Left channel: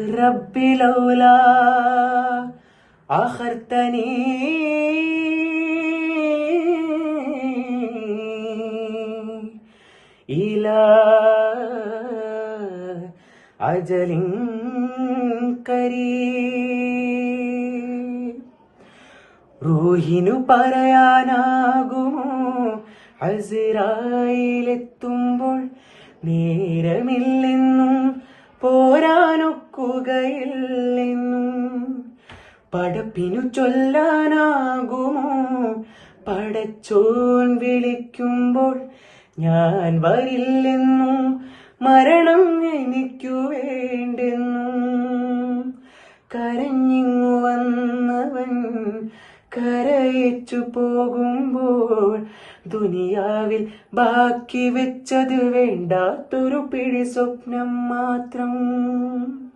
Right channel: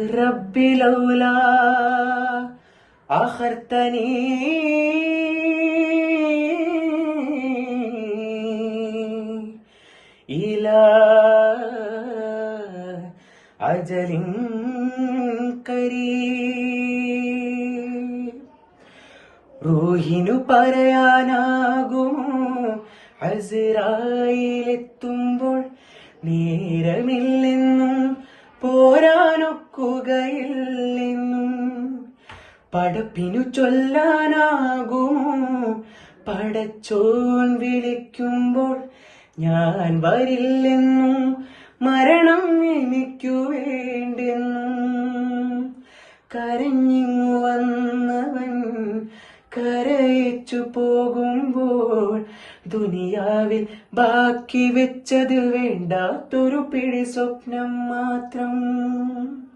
ربي لولا أخرتني إلى أجل قريب റൂഹിനു പറയാനാകുമോ അസ്രായീലെത്തുമ്പോൾ നേരമില്ലെന്നും പോരാനൊക്കുകയില്ലെന്നും പടപ്പിനു ചൊല്ലാനാകുമോ പടച്ചോൻ വിളിക്കുമ്പോൾ ഞാൻ വരില്ലെന്നും മരണം എനിക്കു വേണ്ടെന്നും കരഞ്ഞിങ്ങു വന്നവൻ കരയിച്ചു പോകുമ്പോൾ ദുനിയാവിൽ ബാക്കി വെച്ചത് വേണ്ടാത്തൊരു പിടി സ്വപ്നം മാത്രം.